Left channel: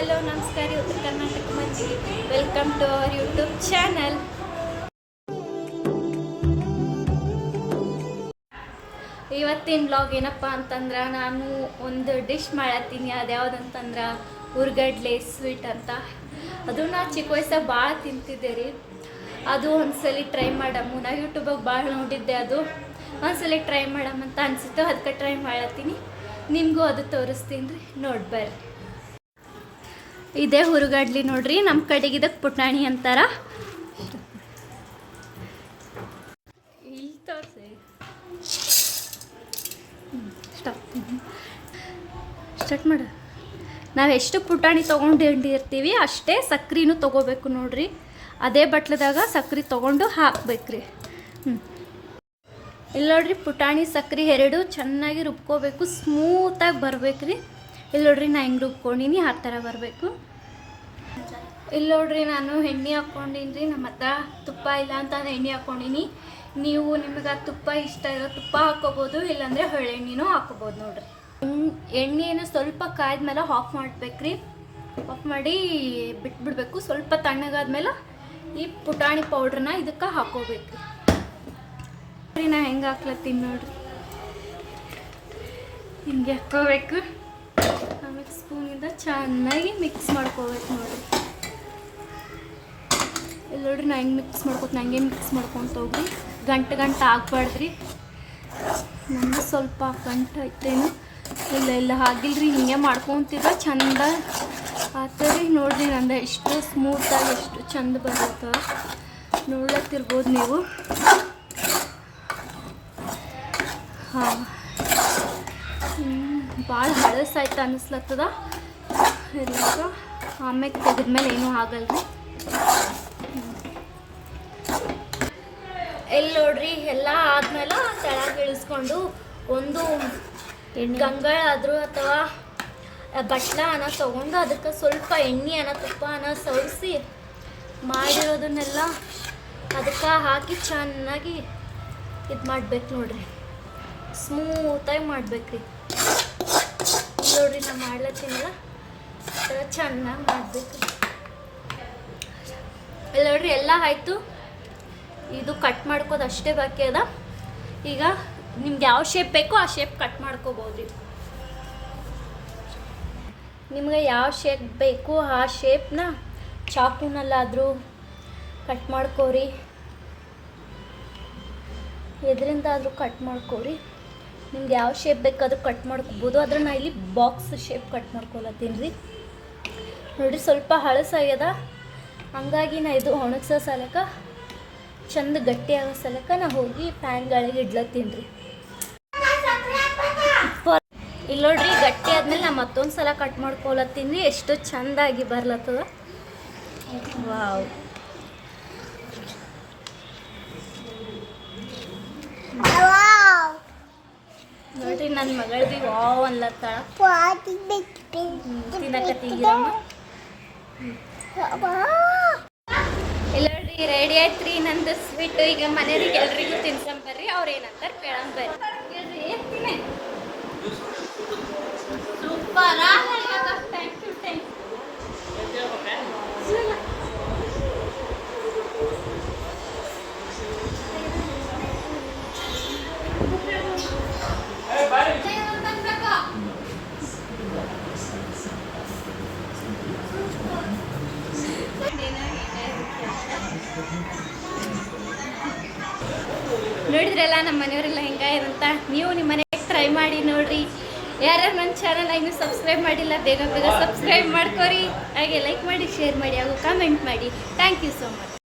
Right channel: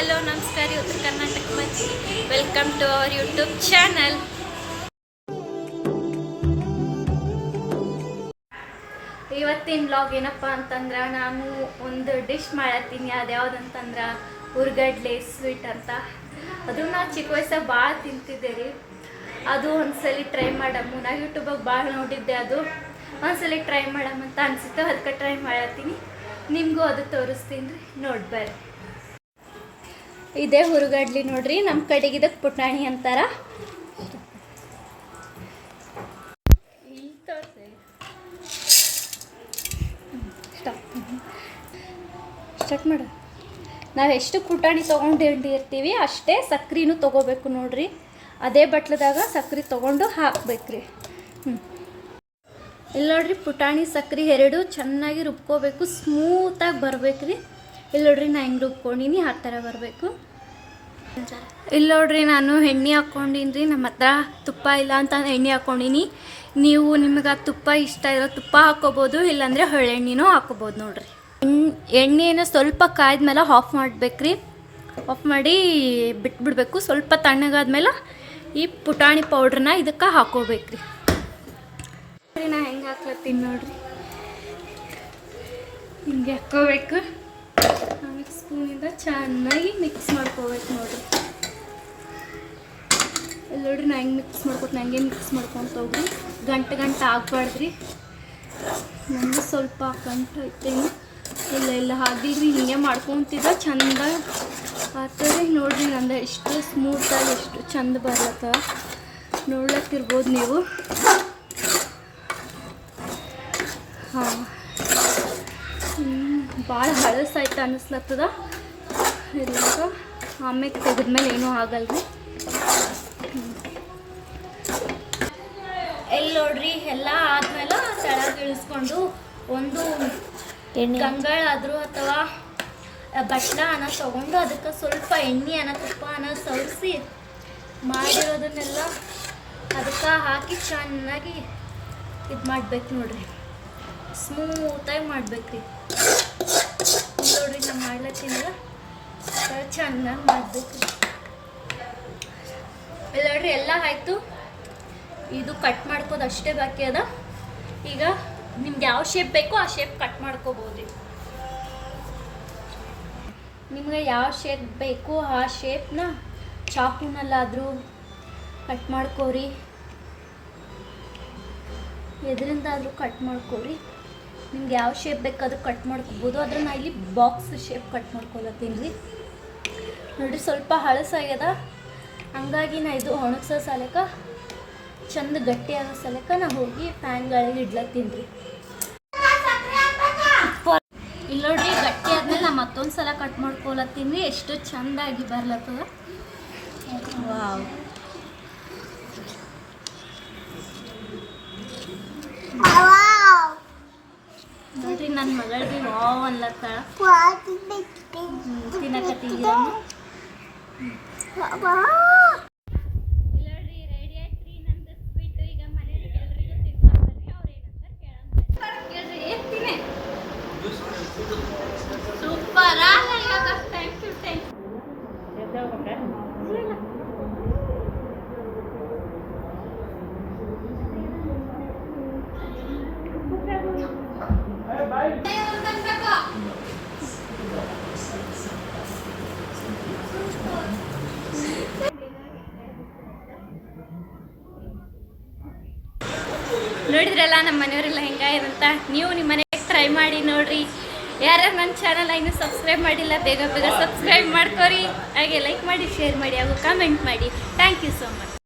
Hello ನಮಸ್ಕಾರ ಉತ್ತರ ಕರ್ನಾಟಕ ಮಂದಿ welcome to our YouTube channel. ಇವತ್ತಿನ ಬ್ಲಾಗ್ ಏನಪ್ಪ ಅಂತಂದ್ರೆ ನಾನು ಒಂದು ಡಿಶ್ ಮಾಡತ್ತೀನಿ. ಅದು ಯಾವುದಂತಂದ್ರೆ ಹುರ್ಗಡ್ಲೆ ಸ್ವೀಟ್ ಅಂತ. ಅದು ನಾ ಚಿಕ್ಕ ವಯಸ್ಸಾಗ ಭಾಳ ತಿಂತಿದ್ದೆ ರೀ. ಅದು ಒಂದ್ಸಲಿ ಟ್ರೈ ಮಾಡಮ್ಮು. ನಾ ಯೂಟ್ಯೂಬಾಗ ಭಾಳ ನೋಡಿದ್ದೆ. ಅದು ಒಂದ್ಸಲಿ ಟ್ರೈ ಮಾಡಮ್ಮಂತ ಅನಿಸಿತ್ತು, ಅದಕ್ಕೆ ಟ್ರೈ ಮಾಡತ್ತೀನಿ. ನಿಮಗೂ ಅದು ತೋರಿಸ್ತೀನಿ ರೀ, ನೋಡಿ ಬರ್ರಿ. ಇದೇ ಹುರುಗಡ್ಲಿ ನೋಡ್ರಿ, ನಮ್ಮ ಕಡೆಗೆ ಇದಕ್ಕೆ ಪುಟಾಣಿ ಅಂತಾರ. ಇಲ್ಲಿ ತೋರಿಸಿ ಸ್ಟಾರ್ಟ್ ಮಾಡ. ನಾವು ಎಷ್ಟು ಪುಟಾಣಿ ತೊಗೊಂಡಿರ್ತೀವಿ ಅಷ್ಟೇ ಸಕ್ರೆನೂ ತೊಗೋಬೇಕು ನೋಡ್ರಿ. ಅದೇ ಬಟ್ಲದಾಗ ಸಕ್ರೆ ತೊಗೊಂಡು ಹಾಕ್ಬೇಕ್ರಿ. ಇಲ್ಲಿ ನೋಡ್ರಿ, ಪುಟಾಣಿ ಸಕ್ರೆ ಎರಡು ಚೆನ್ನಾಗಿ ರುಬ್ಕೋಬೇಕು, ಸ್ಮೂತಾಗಿ ಬರ್ಬೇಕ್ರಿ. ಇಲ್ಲಿ ನೋಡ್ರಿ, ನಾ ಹೆಂಗೆ ರುಬ್ಕೊಂಡಿನಿ ಆ ಥರ ಬರಬೇಕು. ಇಲ್ಲಿ ನೋಡ್ರಿ, ನಾನು ಎಣ್ಣೆ ಹಾಕ್ಕೊಂಡಿನಿ ರೀ. ನಮ್ಮ ಹತ್ರ ತುಪ್ಪ ಇಲ್ಲ ಅಂತ ಎಣ್ಣೆ ಹಾಕ್ಕೊಂಡಿನಿ. ನೀವು ನಿಮಗೆ ತುಪ್ಪ ಇಷ್ಟ ಇರೋ ತುಪ್ಪ ಹಾಕ್ಕೋಬೋದು, ಇಲ್ಲಾಂದರೆ ಹೊಳೆಣ್ಣೆನೂ ಹಾಕ್ಕೋಬೋದು ನೋಡ್ರಿ. ಎಣ್ಣೆಯನ್ನು ಸ್ವಲ್ಪ ಕಾಯ್ದ್ಮೇಲೆ ಆಫ್ ಮಾಡ್ಬೇಕ್ರಿ. ಆಫ್ ಮಾಡಿ ಬಿಟ್ಬಿಡ್ಬೇಕು. ಸ್ವಲ್ಪ ತಣ್ಣಗಾದ್ಮೇಲೆ ಈ ಪುಟಾಣಿ ಪೌಡ್ರನ್ನ ಇದಕ್ಕೆ ಹಾಕೋಬೇಕ್ರಿ. ನಾ ಹೆಂಗೆ ಹಾಕ್ಲತ್ತೀನಿ ನೋಡ್ರಿ, ಹಿಂಗೆ ಹಾಕ್ಕೋಬೇಕು. ಆಮೇಲೆ ಸ್ಪೂನಿಂದ ಚೆನ್ನಾಗಿ ಮಿಕ್ಸ್ ಮಾಡ್ಕೋಬೇಕು ನೋಡ್ರಿ. ಇಲ್ಲಿ ನೋಡ್ರಿ, ನಾ ಹೆಂಗೆ ಮಿಕ್ಸ್ ಮಾಡ್ಕೊತೀನಿ ಹಂಗೆ ಮಿಕ್ಸ್ ಮಾಡ್ಕೊತ ಹೋಗ್ರಿ. ಗಂಟೆ ಆಗ್ಬಾರ್ದ್ರಿ. ನಂದು ಸ್ವಲ್ಪ ಗಂಟೆ ಐತೇನು ಇಲ್ಲ ಆಗಿಲ್ರಿ. ಹಿಂಗೆ ಮಾಡ್ಕೊತಿದ್ರೆ ಚಂದ ಆಗ್ತದೆ ನೋಡ್ರಿ. ನಂದು ಎಷ್ಟು ಸ್ಮೂತಾಗಿ ಎಷ್ಟು ಚಂದ ಬರ್ಲತ್ತವ ನೋಡ್ಲತ್ತಿರ್ಬೋದು ನೀವು. ಹಾಂ, ಭಾಳ ಹಳಸಾಯ್ತು ಅನ್ನಿಸ್ಲತ್ತದ. ಇಲ್ಲಾಗ ಆಮೇಲೆ ತೆಗೆದ್ಮೇಲೆ ಏನೂ ಆಗಲ್ರಿ. ಎಲ್ಲಿ ನೋಡ್ರಿ, ಎಲ್ಲ ಆದ್ಮೇಲೆ ತೆಳಗೆ ಇಳಿಸ್ಕೊಂಡು ಒಂದು ಗಂಗಾಳಾದರೂ ಅಥವಾ ಬಟ್ಲ ಅನ್ನ ತೊಗೊಂಡು ಅದಕ್ಕೆ ಸ್ವಲ್ಪ ಎಣ್ಣೆ ತುಪ್ಪ ಸವರಿಸಿ ಮಾಡಿರೋದನ್ನೆಲ್ಲ ಅದಕ್ಕೆ ಹಾಕಿ ಚೆನ್ನಾಗಿ ಇದು ಮಾಡ್ಬೇಕು ನೋಡ್ರಿ. ಸ್ಮೂತಾಗಿ ಮಾಡ್ಬೇಕ್ರಿ. ನೋಡ್ರಿ, ನಾ ಮಾಡ್ಲತ್ತೀನಲ್ಲ ಚೆನ್ನಾಗಿ ಮಾಡ್ಬೇಕು. ಇಲ್ಲ ನೋಡ್ರಿ, ಎಲ್ಲ ಆಯಿತು. ಇದು ಕಟ್ ಮಾಡ್ಕೋದು ಅಷ್ಟೇ ಬಾಕಿ ಅದ. ಈಗ ನಿಮ್ಗೆ ಯಾವ ಶೇಪ್ ಬೇಕೋ ಆ ಶೇಪ್ ಕಟ್ ಮಾಡ್ಕೋಬೋದು. ನಿಮ್ಗೆ ಯಾವ ಶೇಪ್ ಬೇಕು ಆ ಶೇಪ್ನ ಚಾಕುನಲ್ಲಾದರೂ ಕಟ್ ಮಾಡ್ಕೋರಿ, ಎದರಿಂದಾದರೂ ಕಟ್ ಮಾಡ್ಕೋರಿ. ನಿಮ್ಗೆ ಯಾವ ಶೇಪ್ ಬೇಕಾದ್ರೂ ಕಟ್ ಮಾಡ್ಕೋಬೋದು. ಆದ್ರೆ ನಾ ಇಲ್ಲಿ ಬಾಕ್ಸ್ ಶೇಪ್ ಕಟ್ ಮಾಡ್ಕೊಳತ್ತೀನಿ ರೀ. ನೋಡಿರಿ, ಸ್ವಲ್ಪ ಹಳಸಾಗ್ಯದ, ಹಂಗಾಗಿ ನಾ ಇದು ಒಣಗ್ಸೋ ಸಲಕ ಚಂದ ಗಟ್ಟಿ ಆಗೋ ಸಲಕ ನಾ ಹೋಗಿ ಪ್ಯಾನ್ಗಳಿಗೆ ಇಡ್ಲತ್ತೀನಿ ರೀ. ಇಲ್ಲಿ ನೋಡ್ರಿ, ಗಟ್ಟಿ ಆದ್ಮೇಲೆ ನಾ ಮತ್ತೊಂದು ಸಲ ಕಟ್ ಮಾಡ್ಕೊಳತ್ತೀನಿ ರೀ. ಎಷ್ಟು ಚಂದಾಗಿ ಬರ್ಲತ್ತದ. ವಾವ್, ನೋಡ್ರಿ, ನನ್ನ ಮಗಳದಿ ವಾವ್ ಅನ್ಲತ್ತಾಳ. ತಿನ್ನಕತ್ತೀಗಿರಮ್ಮ. ಇಲ್ಲ ನೋಡ್ರಿ, ರೆಡಿ ಆಯ್ತು ರೀ ನಂದು ಸ್ವೀಟು. ಈಗ ಮನೆಯವ್ರಿಗೆ ಎಲ್ರಿಗೂ ತಿನ್ಸಂಬರ್ರಿ. ಅವ್ರು ಏನಂತಾರೆ ಕೇಳಂಬರ್ರಿ. ಸೂಪರ್ ನೋಡಿದ್ರಲ್ಲ ನಮ್ಮ ಮನೆಯವರೆಲ್ಲ ಹೆಂಗಾಯ್ದಂತ. ನೀವು ನಿಮ್ಮ ಮನೆಗೆ ಟ್ರೈ ಮಾಡಿ ನೋಡ್ರಿ. ಯಾರ್ಯಾರು ನನ್ನ ಚಾನಲ್ ಇನ್ನೂ ಸಬ್ಸ್ಕ್ರೈಬ್ ಮಾಡಿಲ್ಲ, ಬೇಗ ಸಬ್ಸ್ಕ್ರೈಬ್ ಮಾಡ್ಕೊರಿ. ಹಾಗೆ ಲೈಕ್ ಮಾಡಿ, ಶೇರ್ ಮಾಡಿ, ಹಾಗೂ ಕಮೆಂಟ್ ಮಾಡಿ. Thank you so much.